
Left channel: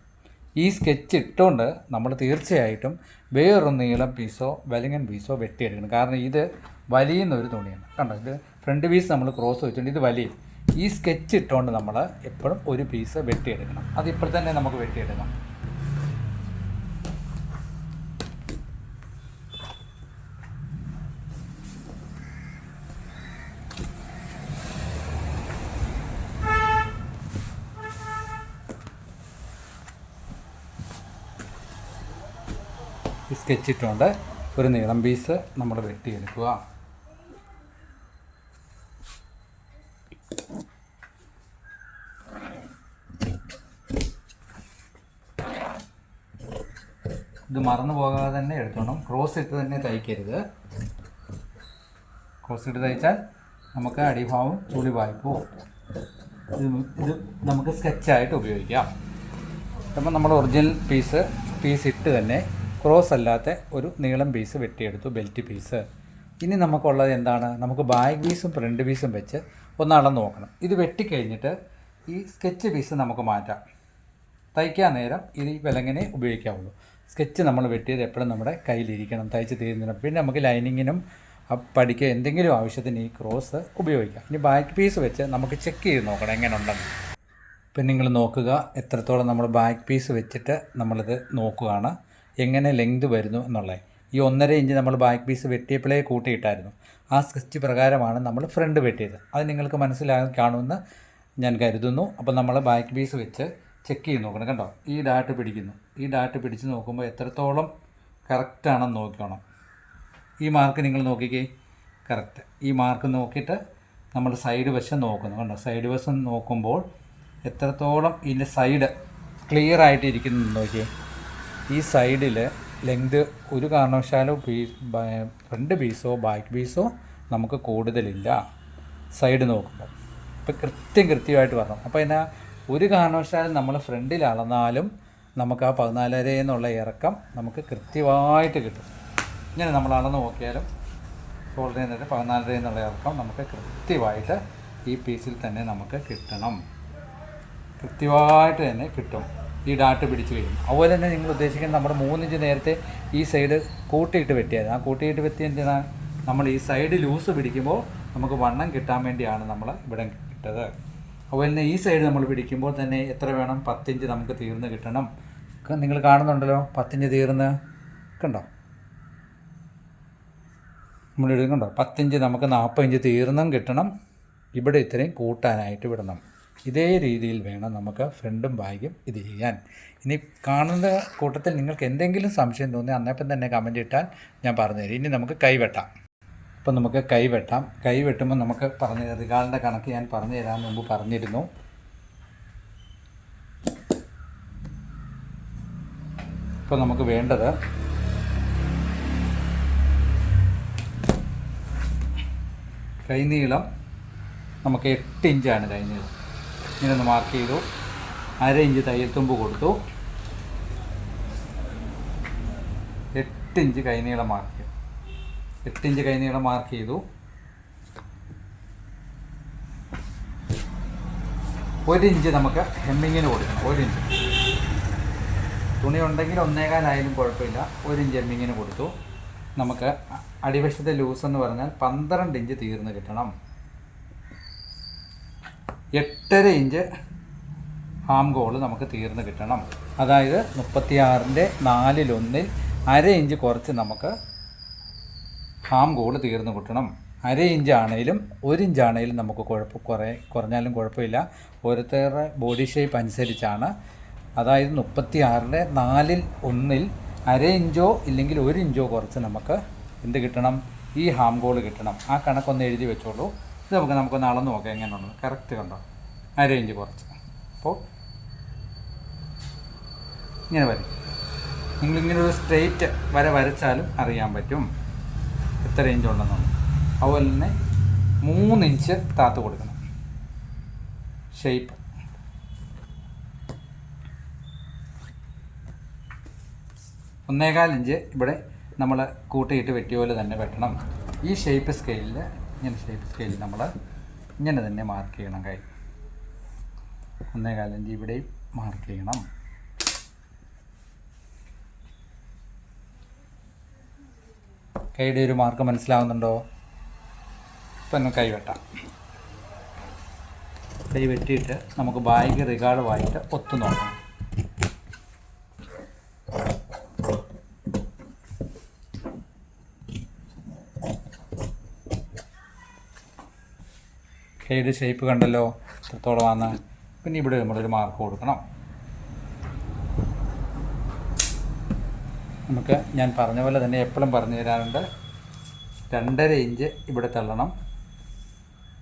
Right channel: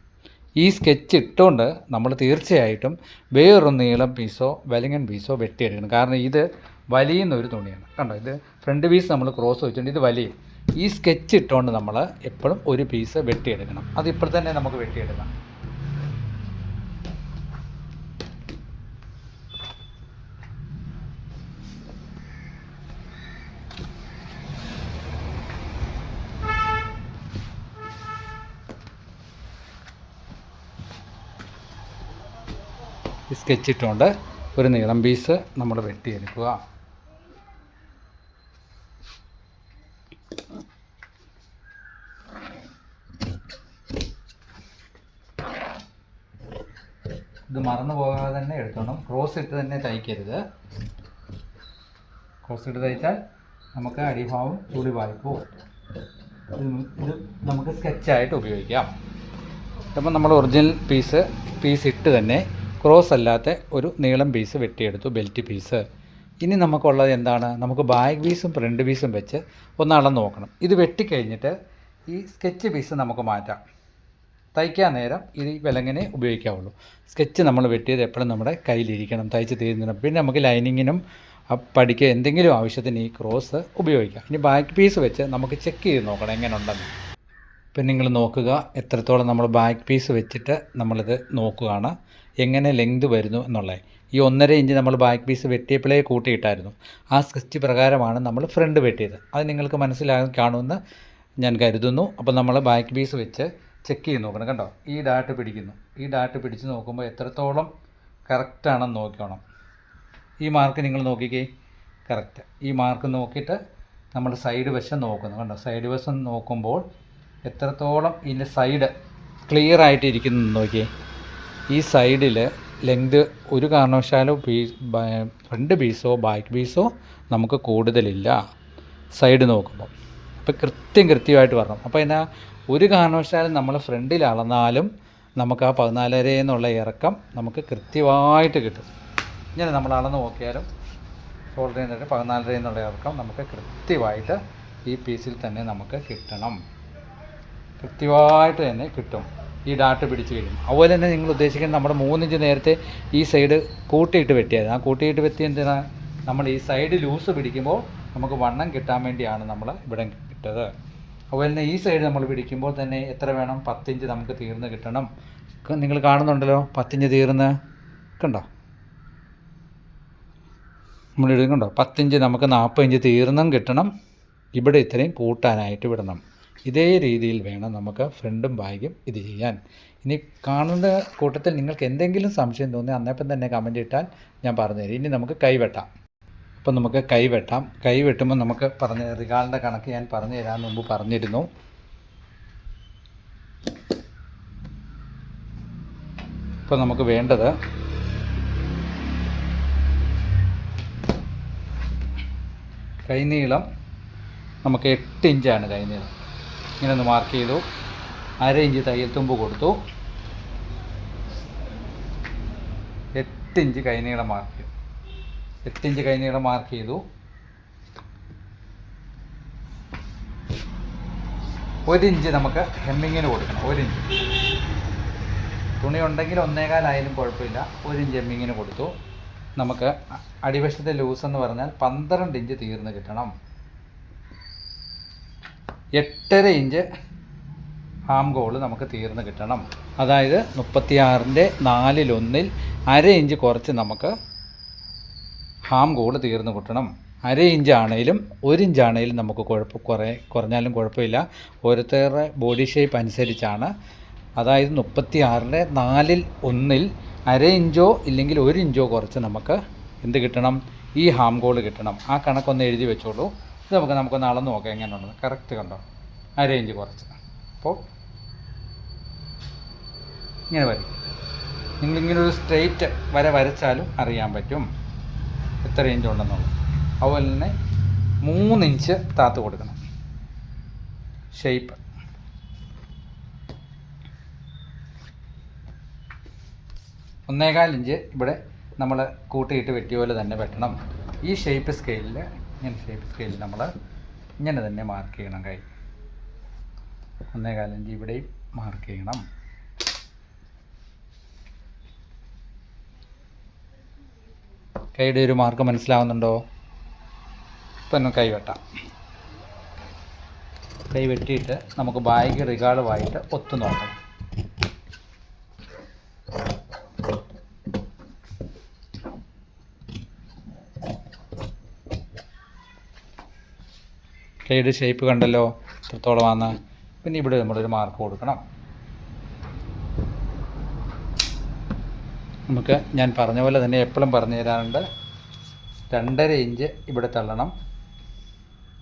A: ഈ സ്കെച്ച് ഇട്ടുകൊണ്ട് നമ്മൾ തീർച്ചയായിട്ടും വേറൊരു നീളം പീസോ വലിങ്ങൻ പീസോ വെട്ടിയെടുക്കണം. കാരണം ഇത് വലിയുന്ന ഒരു തുണിയാണ്. കണ്ടോ? ഇത് ഫ്രണ്ട് പീസ് നമ്മൾ ക്രോസ് വെച്ചിട്ടുണ്ട് ഇത് വലിയ. ഈ സ്കെച്ച് ഇട്ടുകൊണ്ട് നമ്മൾ എപ്പോഴും ഒരു പീസ് വെട്ടിയെടുക്കണം. അത് ഇപ്പോൾ തന്നെ നമുക്ക് വെട്ടിയെടുക്കാം. സ്കെച്ച് ഇട്ടുകൊണ്ട് ഒരു നീളം പീസ് നമ്മൾ വെട്ടിയെടുക്കുക ഇത് മറന്നു പോകാതെ തന്നെ എടുത്തോണം. ക്രോസ് ഇട്ട് തന്നെ തയ്ക്കരുത്. ക്രോസ് ഇട്ട് തയ്ച്ചാൽ നമുക്ക് അടിഭാവം ചുളി വായ്പോ ഇത് ഇത് നമുക്ക് സ്കെച്ചായിട്ട് ഉപയോഗിക്കാം. അപ്പം നമ്മൾ ഒറിജിനൽ പീസ് പീസ് ഇട്ട് തന്നെ ക്രോസ് അല്ലാത്ത ഒരു നീളം പീസ് വെട്ടിയെടുത്തു ബെൽറ്റ് പീസ് ഇനി നമുക്കുള്ളത് എന്താണ്? നമുക്ക് ബാക്ക് പീസും ഫ്രണ്ട് പീസും വെച്ച് ഒന്ന് നോക്കണം. ഇത് വെട്ടിക്കഴിഞ്ഞിട്ട് ഈ സ്കെച്ച് പീസ് നമുക്ക് മാറ്റാം. തയ്ക്കാൻ നേരം ഇത് വിലങ്ങനെ ഉപയോഗിക്കാവുള്ളൂ. സ്കെച്ച് നമ്മൾ വെട്ടിയത് എപ്പോഴും നമ്മുടെ കയ്യിലിരിക്കണം തയ്ച്ച് തീരുന്നതിനും. പിന്നെ നമുക്ക് ലൈനിങ്ങിനും പഠിക്കുക എന്തെങ്കിലും ആവശ്യത്തിന് ഈ ക്രോസ് ഉപയോഗിക്കാം. ഇനി ബാക്ക് പീസ് വെച്ച് നമുക്ക് ചെക്ക് ചെയ്ത് നോക്കണം എങ്ങനെ ഉണ്ടെന്ന് ഇപ്പം നിങ്ങൾ നോക്കുക എത്രത്തോളം നമ്മൾ ബാക്ക് പീസ് വെച്ചിട്ട് നമ്മളിത് നോക്കുകയാണ്. എങ്ങനെ ലെങ്ത് വരുന്നു എന്നുള്ളത് ഈ ഒന്നര ഇഞ്ച് നമ്മൾ ബാക്ക് പീസ് വെട്ടിയപ്പോഴേ കൂട്ടിയിട്ടായിരുന്നു. ആ സ്കെച്ച് പ്രകാരമാണ് നമ്മൾ ഫ്രണ്ട് വെട്ടിയത്. അത് നിങ്ങൾക്ക് മനസ്സിലാകാൻ കാണുമെന്ന് ഞാൻ കരുതുന്നു. അപ്പോൾ നമ്മൾ ബാക്ക് പീസ് വെച്ച് ചെക്ക് ചെയ്ത് നോക്കണം കണ്ടോ? ഈ ഡാട്ട് പിടിക്കുന്നു. ഈ ഡാട്ട് പിടിച്ച് നോക്കുമ്പോൾ എത്രത്തോളം കറക്റ്റാണെന്ന് നോക്കണം ഈ മാർക്ക് നിങ്ങൾ നോക്കിക്കേ. കറക്റ്റ് ഈ മാർക്ക് നോക്കിയിട്ട് നമ്മൾ സൈഡ് വശം നോക്കുന്നു കണ്ടോ? സൈഡ് വശം നോക്കുമ്പോൾ എത്രത്തോളം ഇതിന്റെ സൈഡ് ക്ലിയർ ആയിട്ട് ഇരിക്കുന്നു നോക്കിയേ. ഈ സൈഡിൽ ലെങ്ത് ഒരു കാരണവശാലും പീസ് ഫ്രണ്ട് പീസോ ബാക്ക് പീസോ നമുക്ക് കൂടുതലില്ല. സൈഡ് നോക്കുമ്പോൾ ഇപ്പം കൃത്യം കൃത്യമായിട്ട് വരണം അപ്പോൾ എന്നാ ഒരു കാരണവശാലും നമ്മൾ ഫ്രണ്ടിൽ അളന്നാലും നമുക്ക് ആ പതിനാലര എന്നുള്ള ഇറക്കം നമുക്ക് കൃത്യമായിട്ട് കിട്ടും. ഇങ്ങനെ നമ്മൾ അളന്ന് നോക്കിയാലും ഷോൾഡറിൽ നിന്നിട്ട് പതിനാലര എന്നുള്ള ഇറക്കം നമുക്ക് കൃത്യമായിട്ട് ഈ പീസിൽ തന്നെ നമുക്ക് കിട്ടണം. കൃത്യമായിട്ട് തന്നെ കിട്ടും. ഈ ഡാട്ട് പിടിച്ച് വരും അതുപോലെ തന്നെ നിങ്ങൾ ഉദ്ദേശിക്കുന്നത് നമ്മുടെ മൂന്നിഞ്ച് നേരത്തെ ഈ സൈഡ് കൂട്ടിയിട്ട് വെട്ടിയായിരുന്നു ആ കൂട്ടിയിട്ട് വെട്ടി എന്തിനാ? നമ്മൾ ഈ സൈഡ് ലൂസ് പിടിക്കുമ്പോൾ നമുക്ക് വണ്ണം കിട്ടാൻ വേണ്ടിയാണ് നമ്മൾ ഇവിടെ ഇട്ടത്. അതുപോലെ തന്നെ ഈ സൈഡ് നമ്മൾ പിടിക്കുമ്പോൾ തന്നെ എത്ര വേണം? പത്തിഞ്ച് നമുക്ക് തീർന്ന് കിട്ടണം. നിങ്ങൾ കാണുന്നുണ്ടല്ലോ? പത്തിഞ്ച് തീർന്ന് കണ്ടോ? നമ്മൾ എഴുതുന്നുണ്ടോ പത്തിഞ്ച് നമുക്ക് നാൽപ്പത് ഇഞ്ച് തീർന്നും കിട്ടണം. ഇവിടെ ഇത്രയും കൂട്ടാനായിട്ട് വിടണം. ഇതേ രീതിയിൽ വേണം നമുക്ക് ഫ്രണ്ടും ബാഗും ഇത് ചെയ്യാൻ. ഇനി കാണുന്ന കൂട്ടത്തിൽ നിങ്ങൾക്ക് എന്തെങ്കിലും സംശയം തോന്നി അന്നേപ്പം തന്നെ കമന്റ് ഇട്ടാൽ ഞാൻ പറഞ്ഞുതരും. ഇനി നമുക്ക് കൈവെട്ടാം. അപ്പം നമുക്ക് കൈവെട്ടാം. കൈവെട്ടുമ്പോൾ നമുക്ക് പറഞ്ഞ റികാളിന്റെ കണക്ക് ഞാൻ പറഞ്ഞു തരാൻ മുമ്പ് പറഞ്ഞിരുന്നു. ഇപ്പം നമുക്ക് വേണ്ടത് കൈനീളം നമുക്ക് എട്ട് ഇഞ്ചാണ് കൈനീളം. ഇങ്ങനെ ഒന്ന് മാർക്ക് ചെയ്തു. അര ഇഞ്ച് തയ്യൽ തുമ്പ് കൊടുത്തു. എട്ട് ഇഞ്ച് കൈനീളം മാർക്ക് എട്ട് ഇഞ്ച് കൈനീളം മാർക്ക് ചെയ്തു. ഒരു ഇഞ്ച് നമുക്ക് ഹെമ്മിങ്ങിന് കൊടുക്കണം. ഒരു ഇഞ്ച് തുണി ഉണ്ടെങ്കിൽ ഒന്നേകാലായാലും കുഴപ്പമില്ല. ഒരു ഇഞ്ച് ഹെമ്മിങ്ങിന് കൊടുത്തു. നമുക്ക് അടിവശത്തെ ലൂസ് എന്ന് പറഞ്ഞാൽ പന്ത്രണ്ട് ഇഞ്ച് തീർന്ന് കിട്ടണം. എട്ടര ഇഞ്ച് ഹാം ഗോൾ നമുക്ക് തീർന്ന് കിട്ടണം. അതായത് മുപ്പത്തിയാറിന്റെ നാലിലൊന്നിൽ അര ഇഞ്ച് കുറച്ച് നമുക്ക് ഹാം ഗോൾ തീർന്ന് കിട്ടണം. അര ഇഞ്ചാണേലും ഒരു ഇഞ്ചാണേലും നമുക്ക് കുഴപ്പം കുറേ കുറഞ്ഞാലും കുഴപ്പമില്ല. ഓരോരുത്തരുടെ ബോഡി ഷേപ്പ് അനുസരിച്ചാണ്. അതായത് മുപ്പത്തി ആറിലെ നാലിൽ ഒന്നിൽ അര ഇഞ്ചോ ഇല്ലെങ്കിൽ ഒരു ഇഞ്ചോ കുറച്ച് നമുക്ക് എന്ത് കിട്ടണം? ഈ ഹാം ഗോൾ കിട്ടണം. ആ കണക്കൊന്ന് എഴുതി വെച്ചോളൂ. ഇത് നമുക്ക് നമുക്കൊന്ന് അളന്ന് നോക്കാം ഉണ്ടെന്ന് കറക്റ്റ് കണ്ടോ? ആ റേഞ്ച് കുറച്ച്. അപ്പോൾ ഇങ്ങനെ വരയ്ക്കും. നിങ്ങളിങ്ങനെ ഒരു സ്ട്രെയിറ്റ് വര വരച്ചാലും അറിയാൻ പറ്റും എത്ര ഇഞ്ച് ഉണ്ടെന്നുള്ളത്. അതുപോലെ തന്നെ മൂന്നിഞ്ച് താത്ത് കൊടുക്കണം. ഷേപ്പ് ഒന്നേകാൽ ഇഞ്ച് ഇവിടെ നമ്മൾ കൂട്ടിയിട്ട് വെട്ടിയ പോലെ തന്നെ വെട്ടണം. ഈ ഷേപ്പ് സ്കെയിലിൽ ഇങ്ങനെ ഷേപ്പ് സ്കെയിൽ നമ്മൾ ഇങ്ങനെ തന്നെ മാർക്ക് ചെയ്യണം കൈ. അന്നേ കാലം ഇവിടെയും മാർക്ക് ചെയ്യണം. കൈയുടെ ഒരു മാർക്ക് മനസ്സിലാവുന്നുണ്ടോ? ഇപ്പം കൈ വെട്ടാം. കൈ വെട്ടിയിട്ട് നമുക്ക് ബാഗ് റിഗാർഡുമായിട്ട് ഒത്തു നോക്കണം കൈയുടെ ഷേപ്പ് കണ്ടല്ലോ? എത്രത്തോളമാണ് പിന്നെ ഇവിടെ നമ്മളൊരു മാർക്ക് കൊടുക്കണം. നമുക്ക് ഞാൻ പറഞ്ഞ പോലെ തന്നെ എപ്പോഴും പറഞ്ഞു തരാറുണ്ട്. രണ്ടര ഇഞ്ച് ഇവിടെ തള്ളണം.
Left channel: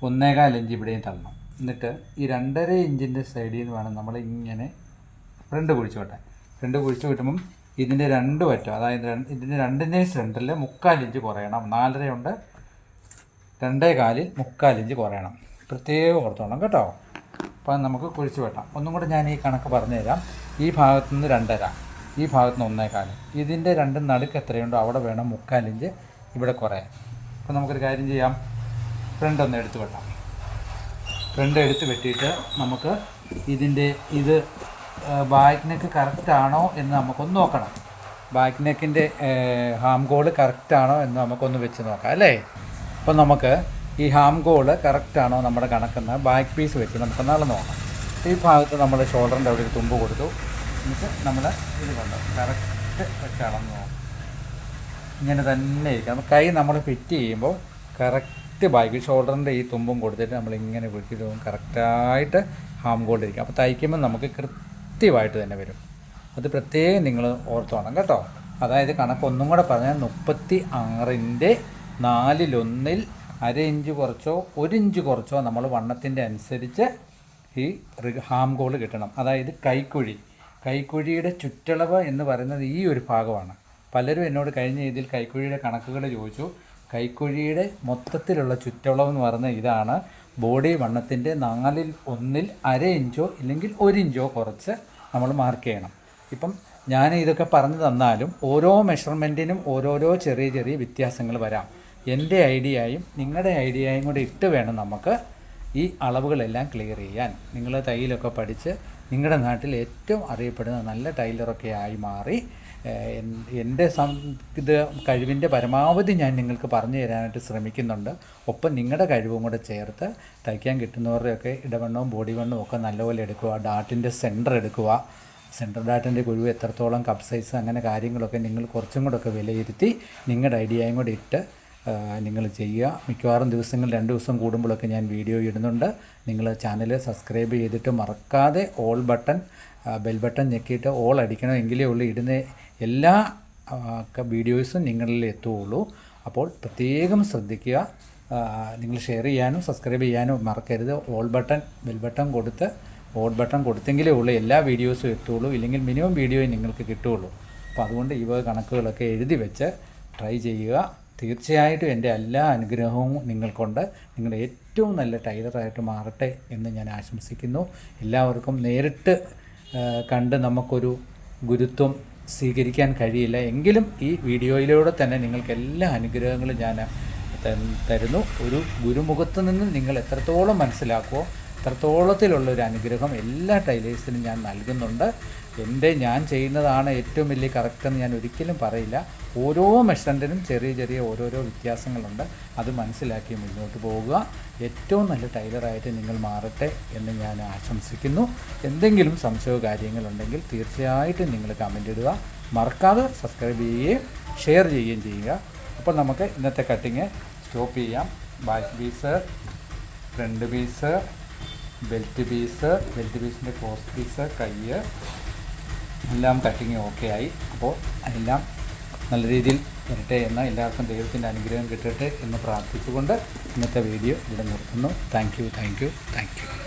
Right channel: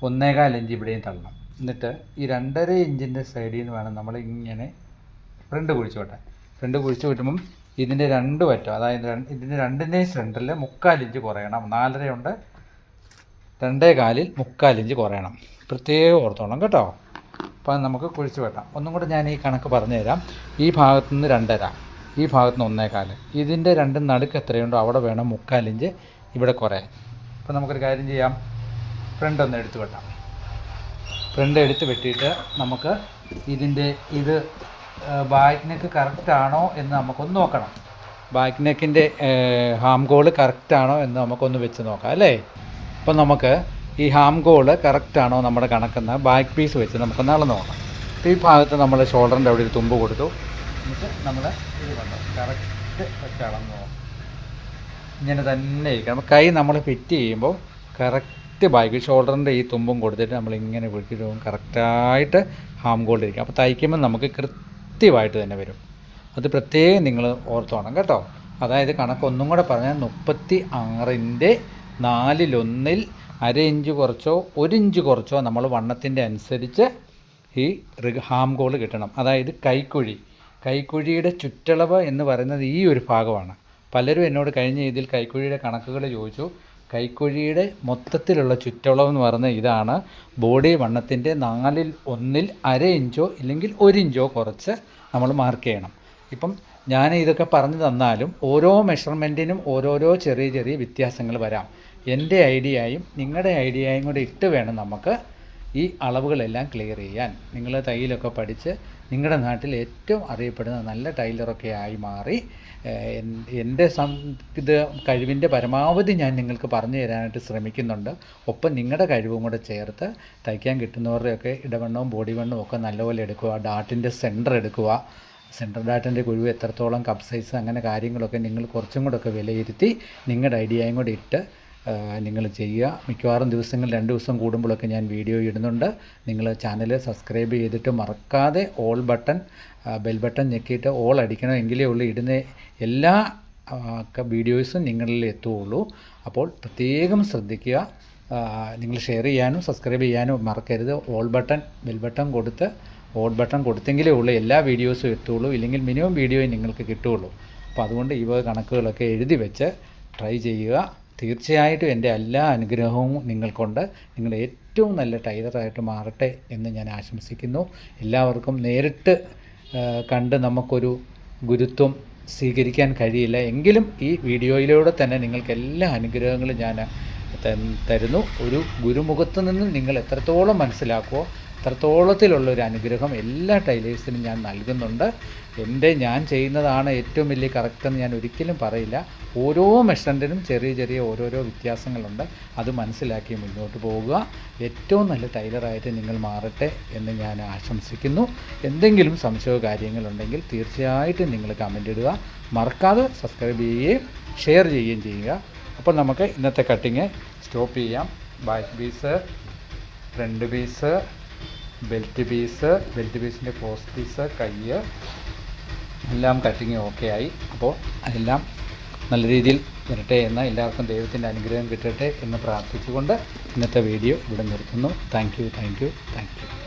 A: ഒന്നേകാൽ ഇഞ്ച് ഇവിടെയും തള്ളണം. എന്നിട്ട് ഈ രണ്ടര ഇഞ്ചിന്റെ സൈഡിൽ നിന്ന് വേണം നമ്മൾ ഇങ്ങനെ ഫ്രണ്ട് കുഴിച്ചു വിട്ടാൻ. ഫ്രണ്ട് കുഴിച്ചു വിട്ടുമ്പം ഇതിന്റെ രണ്ട് പറ്റും അതായത് ഇതിന്റെ രണ്ടിന്റെയും സെന്ററിൽ മുക്കാൽ ഇഞ്ച് കുറയണം. നാലരയുണ്ട് രണ്ടേ കാലിൽ മുക്കാൽ ഇഞ്ച് കുറയണം. പ്രത്യേകം ഓർത്തോണം കേട്ടോ? അപ്പം നമുക്ക് കുഴിച്ച് വെട്ടാം. ഒന്നും കൂടെ ഞാൻ ഈ കണക്ക് പറഞ്ഞു തരാം ഈ ഭാഗത്തു നിന്ന് രണ്ടര ഈ ഭാഗത്തു നിന്ന് ഒന്നേകാൽ ഇതിന്റെ രണ്ടും നടുക്ക് എത്രയുണ്ടോ അവിടെ വേണം മുക്കാലിഞ്ച് ഇവിടെ കുറേ. അപ്പം നമുക്കൊരു കാര്യം ചെയ്യാം. ഫ്രണ്ട് ഒന്ന് എടുത്ത് വെട്ടാം. ഫ്രണ്ട് എടുത്ത് വെട്ടിയിട്ട് നമുക്ക് ഇതിന്റെ ഇത് ബാക്ക് നെക്ക് കറക്റ്റ് ആണോ എന്ന് നമുക്കൊന്ന് നോക്കണം. ബാക്ക് നെക്കിന്റെ ഹാം ഗോൾ കറക്റ്റാണോ എന്ന് നമുക്കൊന്ന് വെച്ച് നോക്കാം അല്ലേ? അപ്പം നമുക്ക് ഈ ഹാം ഗോൾ കറക്റ്റ് ആണോ നമ്മുടെ കണക്കെന്ന് ബാക്ക് പീസ് വെച്ച് നമുക്ക് നടന്നു നോക്കാം. ഈ ഭാഗത്ത് നമ്മൾ ഷോൾഡറിന്റെ അവിടെ ഒരു തുമ്പ് കൊടുത്തു. എന്നിട്ട് നമ്മൾ ഇത് കൊണ്ടു കറക്റ്റ് വെച്ച് അളന്ന് നോക്കാം. ഇങ്ങനെ തന്നെ ഇരിക്കണം. കൈ നമ്മൾ ഫിറ്റ് ചെയ്യുമ്പോൾ കറക്റ്റ് ബാക്കി ഷോൾഡറിന്റെ ഈ തുമ്പും കൊടുത്തിട്ട് നമ്മൾ ഇങ്ങനെ പിടിക്കുമ്പോൾ കറക്റ്റായിട്ട് ഹാം ഗോൾഡ് ഇരിക്കും. അപ്പോൾ തയ്ക്കുമ്പോൾ നമുക്ക് കൃത്യമായിട്ട് തന്നെ വരും. അത് പ്രത്യേകം നിങ്ങൾ ഓർത്തോണം കേട്ടോ. അതായത് കണക്ക് ഒന്നും കൂടെ പറഞ്ഞാൽ മുപ്പത്തി ആറിന്റെ നാലിലൊന്നിൽ അര ഇഞ്ച് കുറച്ചോ ഒരു ഇഞ്ച് കുറച്ചോ നമ്മൾ വണ്ണത്തിന്റെ അനുസരിച്ച് ഈ ഹാം ഗോൾ കിട്ടണം. അതായത് കൈക്കുഴി. കൈക്കുഴിയുടെ ചുറ്റളവ് എന്ന് പറയുന്നത് ഈ ഒരു ഭാഗമാണ്. പലരും എന്നോട് കഴിഞ്ഞ ഇതിൽ കൈക്കുഴിയുടെ കണക്കുകൾ ചോദിച്ചു. കൈക്കുഴിയുടെ മൊത്തത്തിലുള്ള ചുറ്റളവ് എന്ന് പറയുന്നത് ഇതാണ്. ബോഡി വണ്ണത്തിന്റെ നാലിൽ ഒന്നിൽ അര ഇഞ്ചോ ഇല്ലെങ്കിൽ ഒരു ഇഞ്ചോ കുറച്ച് നമ്മൾ മാർക്ക് ചെയ്യണം. ഇപ്പം ഞാൻ ഇതൊക്കെ പറഞ്ഞു തന്നാലും ഓരോ മെഷർമെന്റിനും ഓരോരോ ചെറിയ ചെറിയ വ്യത്യാസങ്ങൾ വരാം. എന്റെ ഐഡിയയും നിങ്ങളുടെ ഐഡിയയും കൂടെ ഇട്ട് വേണം നമുക്ക് ഈ അളവുകളെല്ലാം ക്ലിയർ ചെയ്യാൻ. നിങ്ങൾ തയ്യലൊക്കെ പഠിച്ച് നിങ്ങളുടെ നാട്ടിൽ ഏറ്റവും അറിയപ്പെടുന്ന നല്ല ടൈലറൊക്കെ ആയി മാറി. എന്റെ ഇത് കഴിവിന്റെ പരമാവധി ഞാൻ നിങ്ങൾക്ക് പറഞ്ഞു തരാനായിട്ട് ശ്രമിക്കുന്നുണ്ട്. ഒപ്പം നിങ്ങളുടെ കഴിവും കൂടെ ചേർത്ത് തയ്ക്കാൻ കിട്ടുന്നവരുടെയൊക്കെ ഇടവണ്ണവും ബോഡി വണ്ണവും ഒക്കെ നല്ലപോലെ എടുക്കുക ഡാട്ടിന്റെ സെന്റർ എടുക്കുക. സെൻട്രൽ ഡാറ്റിന്റെ കുഴിവ് എത്രത്തോളം കപ്പ് സൈസ് അങ്ങനെ കാര്യങ്ങളൊക്കെ നിങ്ങൾ കുറച്ചും കൂടെ ഒക്കെ വിലയിരുത്തി നിങ്ങളുടെ ഐഡിയയും കൂടെ ഇട്ട് നിങ്ങൾ ചെയ്യുക. മിക്കവാറും ദിവസങ്ങൾ രണ്ട് ദിവസം കൂടുമ്പോഴൊക്കെ ഞാൻ വീഡിയോ ഇടുന്നുണ്ട്. നിങ്ങൾ ചാനൽ സബ്സ്ക്രൈബ് ചെയ്തിട്ട് മറക്കാതെ ഓൾ ബട്ടൺ ബെൽ ബട്ടൺ ഞെക്കിയിട്ട് ഓൾ അടിക്കണം എങ്കിലേ ഉള്ളൂ. ഇടുന്ന എല്ലാ വീഡിയോസും നിങ്ങളിൽ എത്തുകയുള്ളൂ. അപ്പോൾ പ്രത്യേകം ശ്രദ്ധിക്കുക. നിങ്ങൾ ഷെയർ ചെയ്യാനും സബ്സ്ക്രൈബ് ചെയ്യാനും മറക്കരുത്. ഓൾ ബട്ടൺ ബെൽ ബട്ടൺ കൊടുത്ത് ഓൾ ബട്ടൺ കൊടുത്തെങ്കിലേ ഉള്ളൂ. എല്ലാ വീഡിയോസും എത്തുള്ളൂ ഇല്ലെങ്കിൽ മിനിമം വീഡിയോയും നിങ്ങൾക്ക് കിട്ടുകയുള്ളൂ. അപ്പോൾ അതുകൊണ്ട് ഈ വക കണക്കുകളൊക്കെ എഴുതി വെച്ച് ട്രൈ ചെയ്യുക. തീർച്ചയായിട്ടും എന്റെ എല്ലാ അനുഗ്രഹവും നിങ്ങൾക്കുണ്ട്. നിങ്ങൾ ഏറ്റവും നല്ല ടൈലറായിട്ട് മാറട്ടെ എന്ന് ഞാൻ ആശംസിക്കുന്നു. എല്ലാവർക്കും നേരിട്ട് കണ്ട് നമുക്കൊരു ഗുരുത്വം സ്വീകരിക്കാൻ കഴിയില്ല. എങ്കിലും ഈ വീഡിയോയിലൂടെ തന്നെ നിങ്ങൾക്ക് എല്ലാ അനുഗ്രഹങ്ങളും ഞാൻ തരുന്നു. ഒരു ഗുരുമുഖത്ത് നിന്ന് നിങ്ങൾ എത്രത്തോളം മനസ്സിലാക്കുമോ അത്രത്തോളത്തിലുള്ള ഒരു അനുഗ്രഹം എല്ലാ ടൈലേഴ്സിനും ഞാൻ നൽകുന്നുണ്ട്. എന്റെ ഞാൻ ചെയ്യുന്നതാണ് ഏറ്റവും വലിയ കറക്റ്റ് എന്ന് ഞാൻ ഒരിക്കലും പറയില്ല. ഓരോ മെഷറിന്റെനും ചെറിയ ചെറിയ ഓരോരോ വ്യത്യാസങ്ങളുണ്ട്. അത് മനസ്സിലാക്കി മുന്നോട്ട് പോകുക. ഏറ്റവും നല്ല ടൈലറായിട്ട് നിങ്ങൾ മാറട്ടെ എന്ന് ഞാൻ ആശംസിക്കുന്നു. എന്തെങ്കിലും സംശയമോ കാര്യങ്ങളുണ്ടെങ്കിൽ തീർച്ചയായിട്ടും നിങ്ങൾ കമന്റ് ഇടുക. മറക്കാതെ സബ്സ്ക്രൈബ് ചെയ്യുകയും ഷെയർ ചെയ്യുകയും ചെയ്യുക. അപ്പോൾ നമുക്ക് ഇന്നത്തെ കട്ടിങ് സ്റ്റോപ്പ് ചെയ്യാം. Back piece front piece belt piece belt പീസിന്റെ ക്രോസ് പീസ് കയ്യ് എല്ലാം കട്ടിങ് ഓക്കെ ആയി. അപ്പോൾ എല്ലാം നല്ല രീതിയിൽ വരട്ടെ എന്ന് എല്ലാവർക്കും ദൈവത്തിന്റെ അനുഗ്രഹം കിട്ടട്ടെ എന്ന് പ്രാർത്ഥിച്ചുകൊണ്ട് ഇന്നത്തെ വീഡിയോ ഇവിടെ നിർത്തുന്നു. Thank you thank you thank you